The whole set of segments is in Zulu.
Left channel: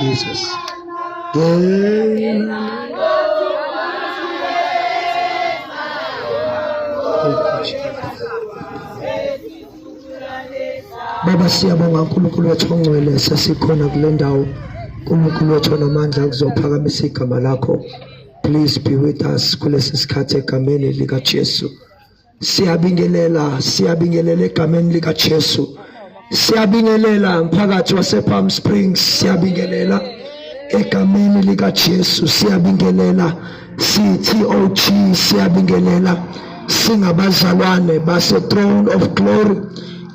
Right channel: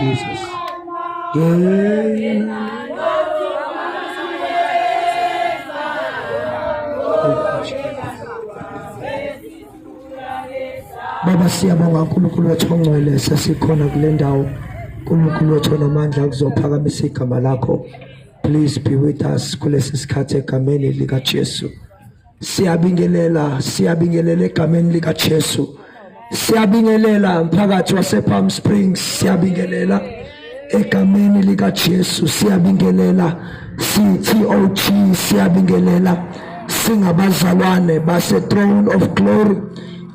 Jesus. Baba siyabonga uNkulunkulu wethu ongcwele sesikhona kule ndawo. uNkulunkulu wethu onamandla ukuzophakamisa igama lakho. Please be with us kulesi sikhathi egameni lika Jesu. Siyabingelela egameni lika Jesu. Siyabingelela mphakathi wase Palm Springs, siyabingelela egameni lika Jesu. Siyabingelela CTOG, siyabingelela singabazalwane base Throne of Glory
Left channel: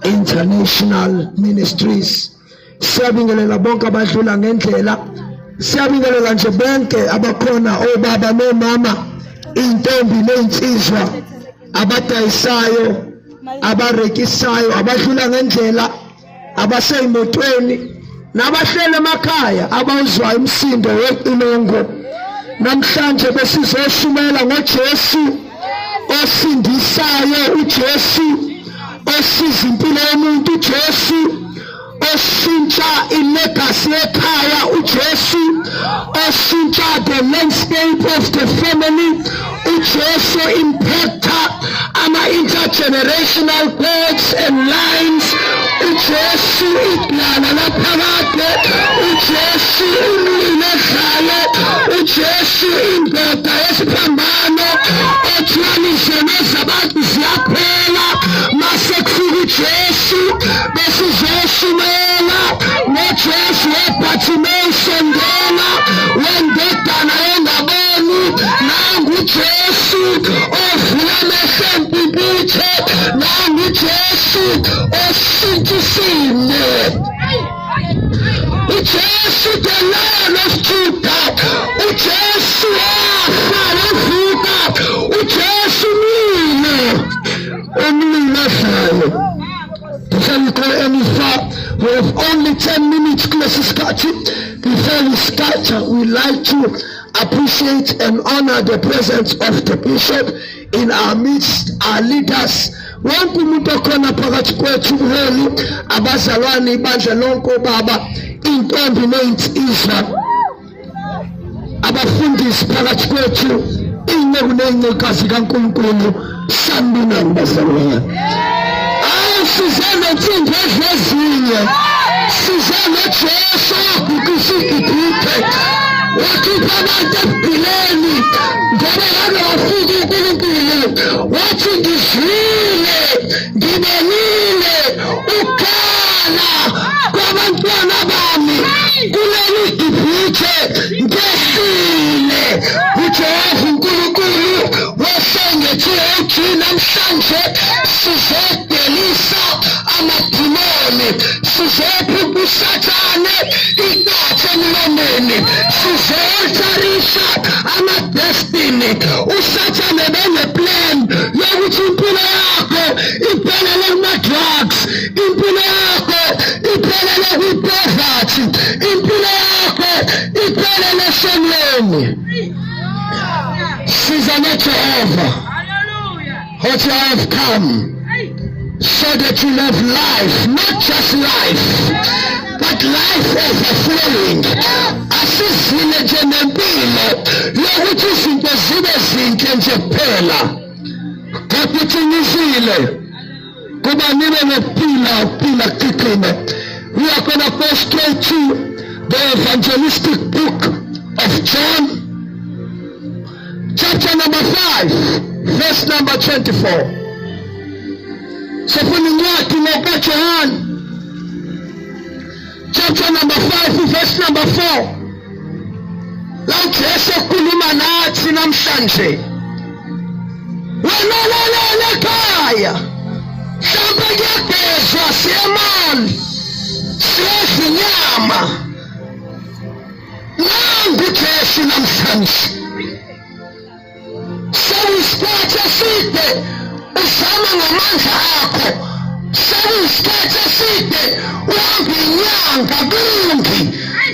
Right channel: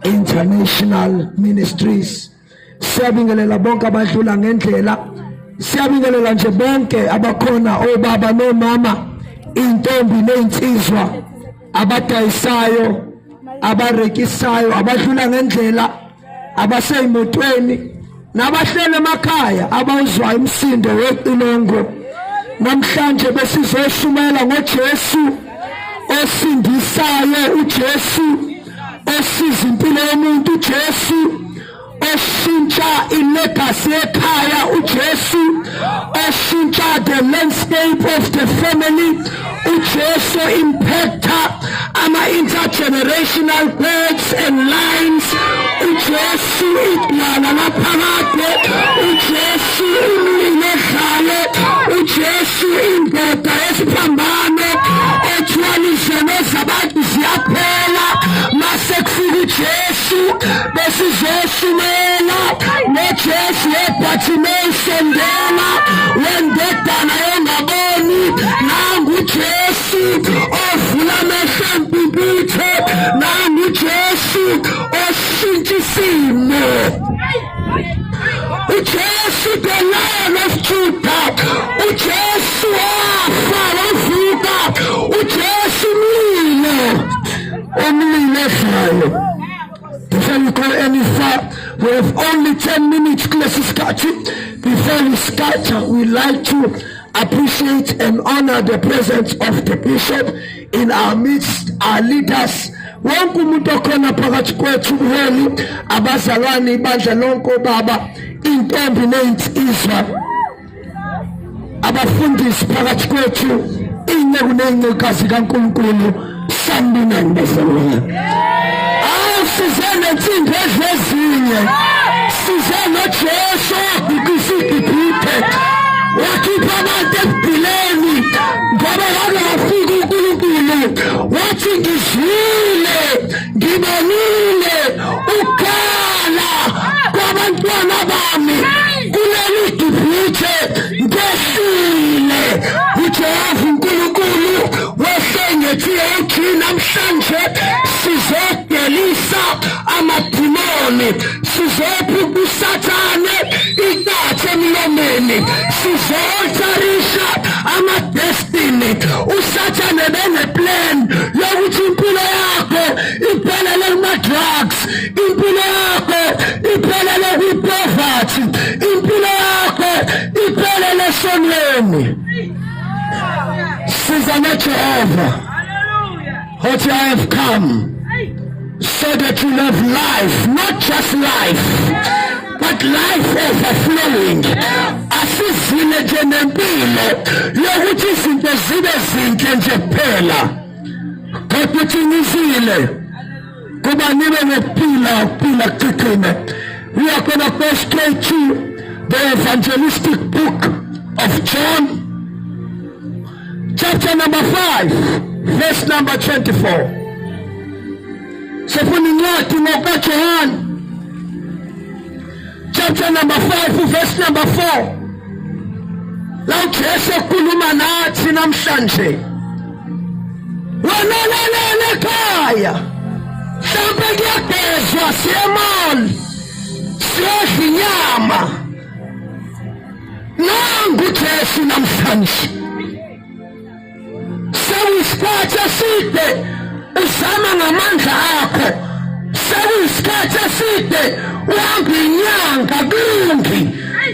International Ministries. Siyabingelela bonke abadlula ngendlela. Siyabingelela nje bonke abakhona, obaba nomama, intombi neinsizwa, abadayisayo, abarekisayo, abadlula ngendlela, abaseyimotweni, nabahlele emakhaya abawuzwa imsindo weqilongo. Namhlanje besizoshumela ngoJesu osindisayo, uJesu osiza impilo yomuntu, uJesu oshintsha ilegacy ekhaya, uJesu oshintsha the landscape of the family, uJesu impacta ama intergenerational codes and lines, uJesu ihlala laphakade, uJesu umlilezale, uJesu indoda yesiphambano ethwalisene zabantu ziyaphela. Mase kufika uJesu besizoshumela noJesu eBhathimeyisondela wendodana engaboni, nangu uJesu ovula amehlo empipithe, nangu uJesu oshintsha isimo, uJesu the Lion of Judah, uJesu wafa wavuka, uJesu umlilezayo. Before we go any far, we have only 10 minutes close skati. Before we start, we like to appreciate and honor the presence of the bishop in our midst, our leaders. Wonke umuntu okhona phakathi kwethu buholi, abazalwane, ibandla lonke, baba, intombi neinsizwa, abafundisi phakathi kwethu, inceku neincekazi kaNkulunkulu, sanibonani bazalwane. Sizana thimbe ezinye, sizana Jesu ukusigibhithe, wakhipha abantu ebhileni ngoba kade wafika uNkulunkulu, wathi ngizwile, ngibonile ukhala kwabantwana bami kuleli gibhithe, ngesile uJehova uNkulunkulu wasengethiwe uthi namhlanje sizodelisa amadimoni, sizopha uSathane ikathe emlomeni, sizoltarisha amadestiny. uSathane beneplan yokuthi impilo yakho iphelele kuma-drugs, impilo yakho iphelele kwi-poverty, impilo yakho iphelele esonweni. Siza noJehova, what I have come so that you have life, not just life, but life overflowing. Asizile nje nempilo yokuthi izinto zibe zinhle nje kuphela, kodwa uthingizile kuba nibe nokuphila kuqinile. We are going to go straight to the evangelistic book of John, chapter number 5, verse number 24. Sifuna incwadi ngokaJohn, chapter number 5, verse number 4. La uJesu ukhuluma nathi namhlanje. Wena lalela ekhaya, mhlawumbe kuyagezwa, siyemali, siyadla inyama. Nangu uJesu namhlanje. Sekuyisikhathi eside uzama ngamandla akho, sekuyisikhathi eside uhamba inyanga kungi,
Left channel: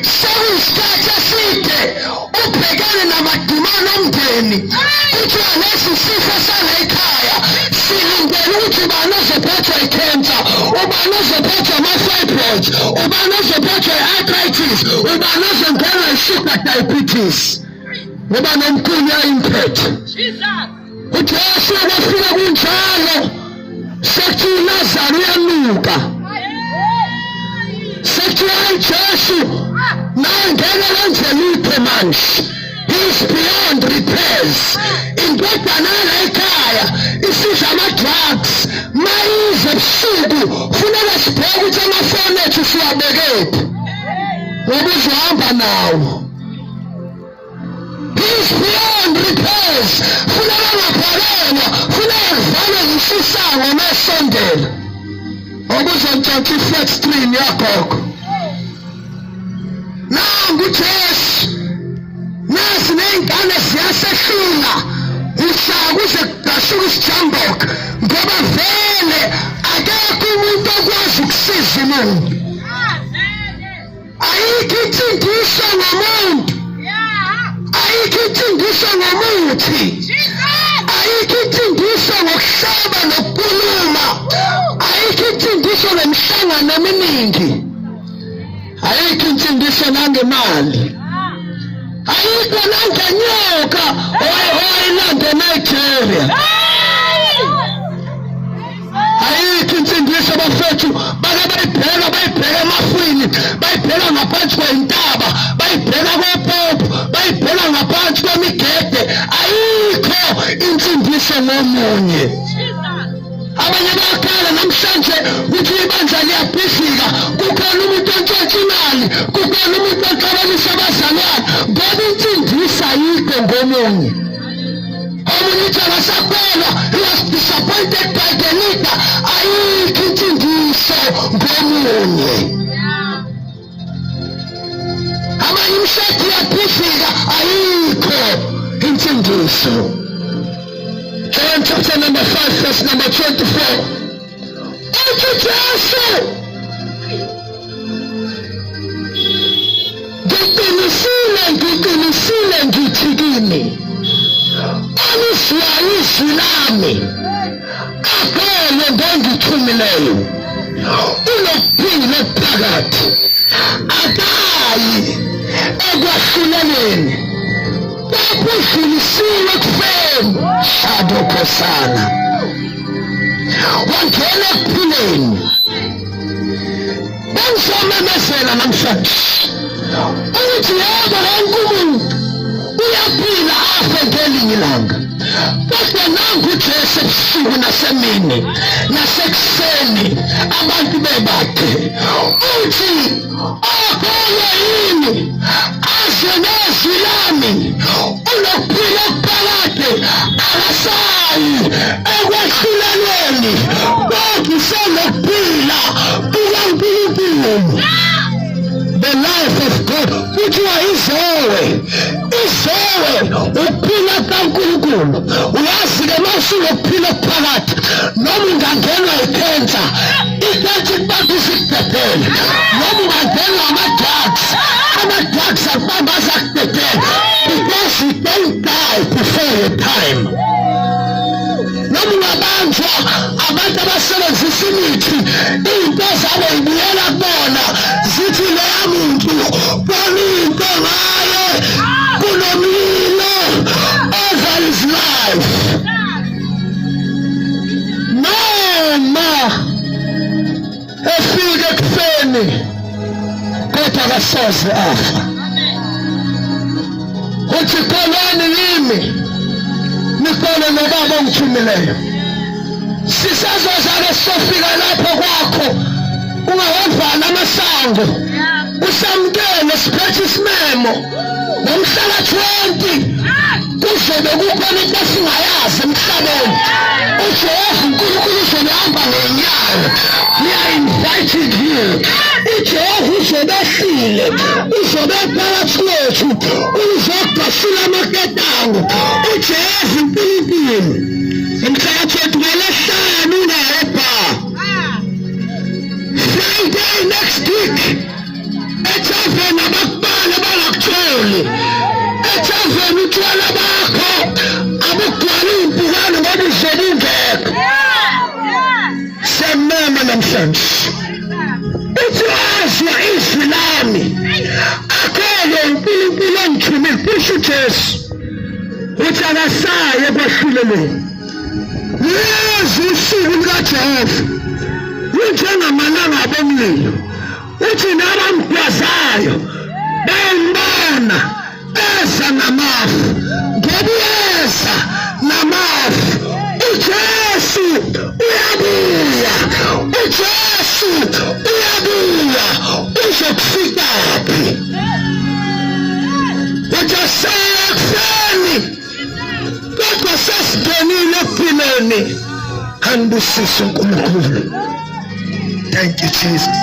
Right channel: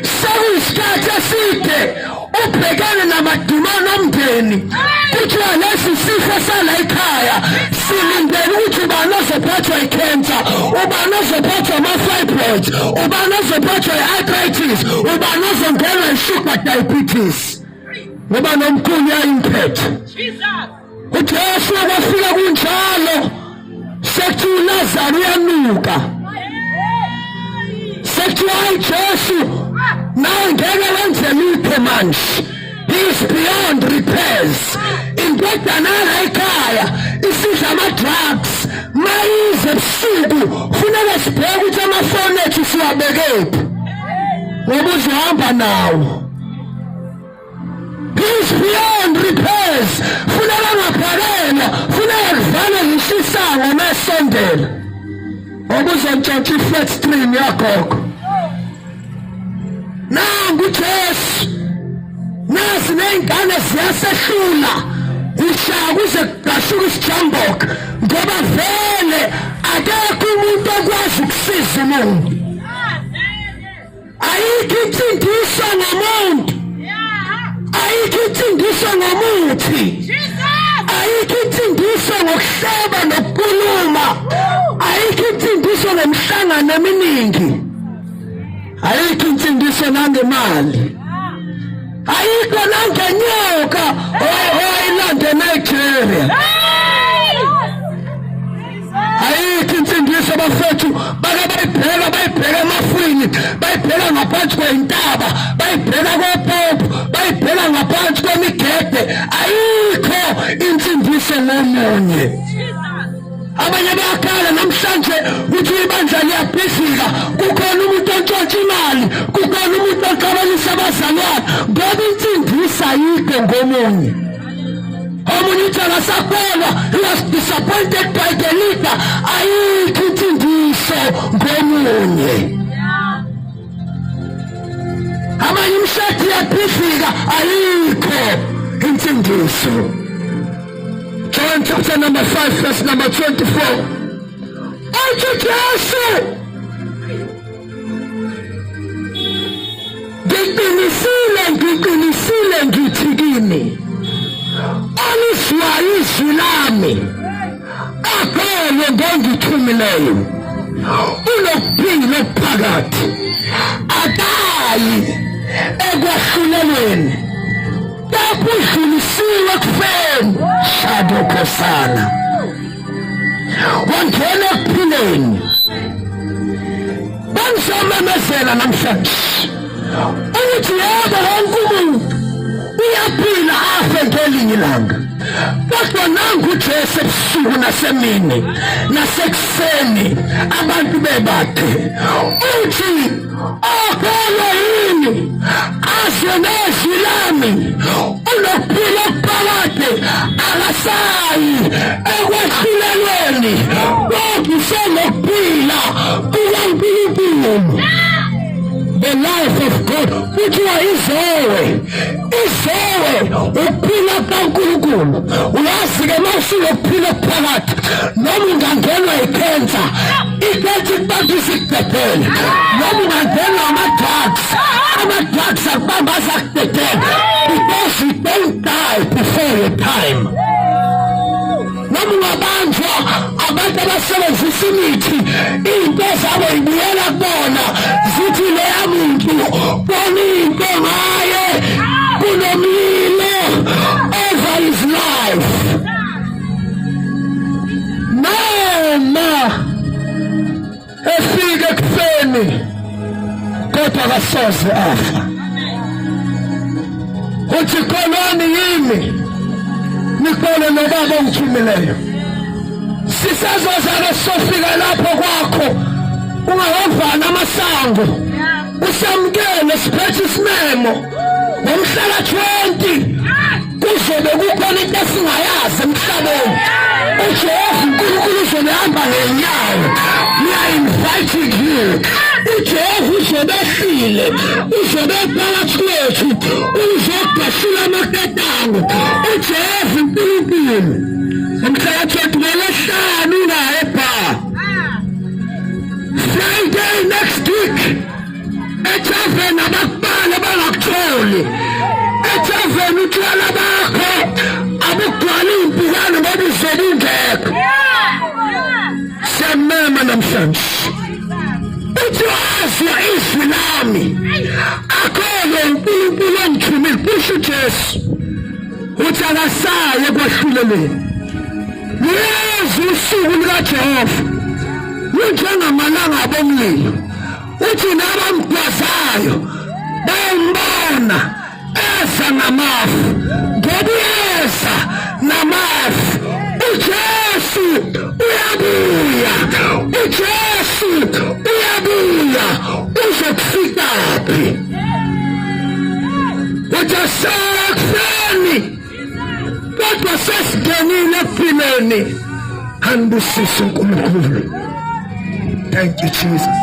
sekuyisikhathi eside ubhekane namadimoni omndeni, kuthiwa lesi sifo sala ekhaya silindele ukuthi ubani ozophathwa ikhensa. ubani ozophathwa ama-fibroids, ubani ozophathwa i-arthritis, ubani ozongena i-sugar diabetes, ngoba nomkhulu yayimphethe. UJesu kwafika kunjalo, sethi uLazaro uyanuka, sethi hayi Jesu nawe ngeke wenze lutho manje. He is beyond repairs. Indodana ekhaya isidla ama-drugs, mayize ebusuku funeka sibheke ukuthi amafoni ethu siwabekephi ngoba uzohamba nawo. He is beyond repairs. Funeka ngaphakelwa, funeka kuvalwe ngisho isango masondela ngoba uzontshontsha i-flat screen yagogo. Nangu uJesu, nasi ney'ngane ziyasehlula ushaka kuze kudashuka isijamboka ngoba vele akekho umuntu okwazi ukusiza umuntu. Ayikho insindiso ngomuntu, ayikho insindiso ngomuthi, ayikho insindiso ngokuhleba nokukhuluma, ayikho insindiso ngemihlangano eminingi, ayikho insindiso nangemali, ayikho nangenyoka owayilanda eNigeria, ayikho insindiso bafethu bake bayibheka emafwini, bayibheka ngaphansi kwey'ntaba, bayibheka kopopo, bayibheka ngaphansi kwemigede. Ayikho insindiso ngomunye. Abanye bayakhala namhlanje ukuthi ibandla liyabhidlika, kukhona umuntu ontshontsha imali, kukhona umuntu oxabanisa abazalwane, ngoba insindiso ayikho ngomunye. Omunye uthi akasakholwa, he was disappointed by the leader. Ayikho insindiso ngomunye. Abanye imshadi iyabhidlika, ayikho insindiso. John chapter number 5 verse number 24. Uthi Jesu, ngiqinisile ngithi kini, alizwayo izwi lami akholwe ngongithumileyo unokuphila okuphakathi, akayi ekwahlulelweni, kepha udlulisiwe ekufeni. Shadokosana wangena ekuphileni. Bangizomemezela namhlanje ukuthi yebo wonke umuntu uyaphila afe ngelinye ilanga, kodwa nangu uJesu ebusuku nasemini nasekuseni abantu bebakhe uthi akholwa yini azwe nezwi lami unokuphila okuphakathi, akasayi ekwehlulelweni, kodwa usenokuphila kukaNkulunkulu. The life of God kuthiwa izowe, izowe ukuphila kaNkulunkulu. Uyazi-ke mawufika ukuphila okuphakathi, noma ungangenwa ikhensa, ikhensa ikubamba isikudedele, noma ungangenwa ama-drugs akubamba azakudedele, because you don't die before your time. Noma ungabanjwa abantu abasebenzisa imithi, iy'nto zabo y'buyela kubona zithi leya muntu bona into ngaye kunomlilo over his life. Noma efike ekufeni kodwa akasoze afa. Uthi kholwani yimi, nikholwe noBaba ongithumileyo. Sisazozana sofika lapho kwakho ungahambana amasango, usamukele siphethe isimemo. Ngomhlala 20 kuzobe kukhona into esingayazi emhlabeni. uJehova uNkulunkulu uzobe hamba ngenyawo. We are inviting you. uJehova uzobe ehlile, uzobe phakathi kwethu, uzodashula amaketango. uJehova uNkulunkulu ngomhlaka 20 ngolesihlanu unaye pha. Friday next week ethaveni abakubala bangakutholi, ethaveni utshwala bakho abugcwala iy'mpukane ngoba izolo ingekho. Siyamema namhlanje. presence. Uthi wazwa izwi lami. Akho-ke uNkulunkulu angithumile kusho uJesu. Uthi akasaye ekwahluleleni. Lezi usuku lukaJehova lunjengamalanga bomlilo. Uthi nabamgwazayo bayambona eza namafu, ngoba uyeza namafu. uJesu uyabuya, uJesu uyabuya. Uzokufikaphi? Ujasekufeni kodwa sesidonile ekupileni. Kanibusise uNkulunkulu. Thank you, Jesus.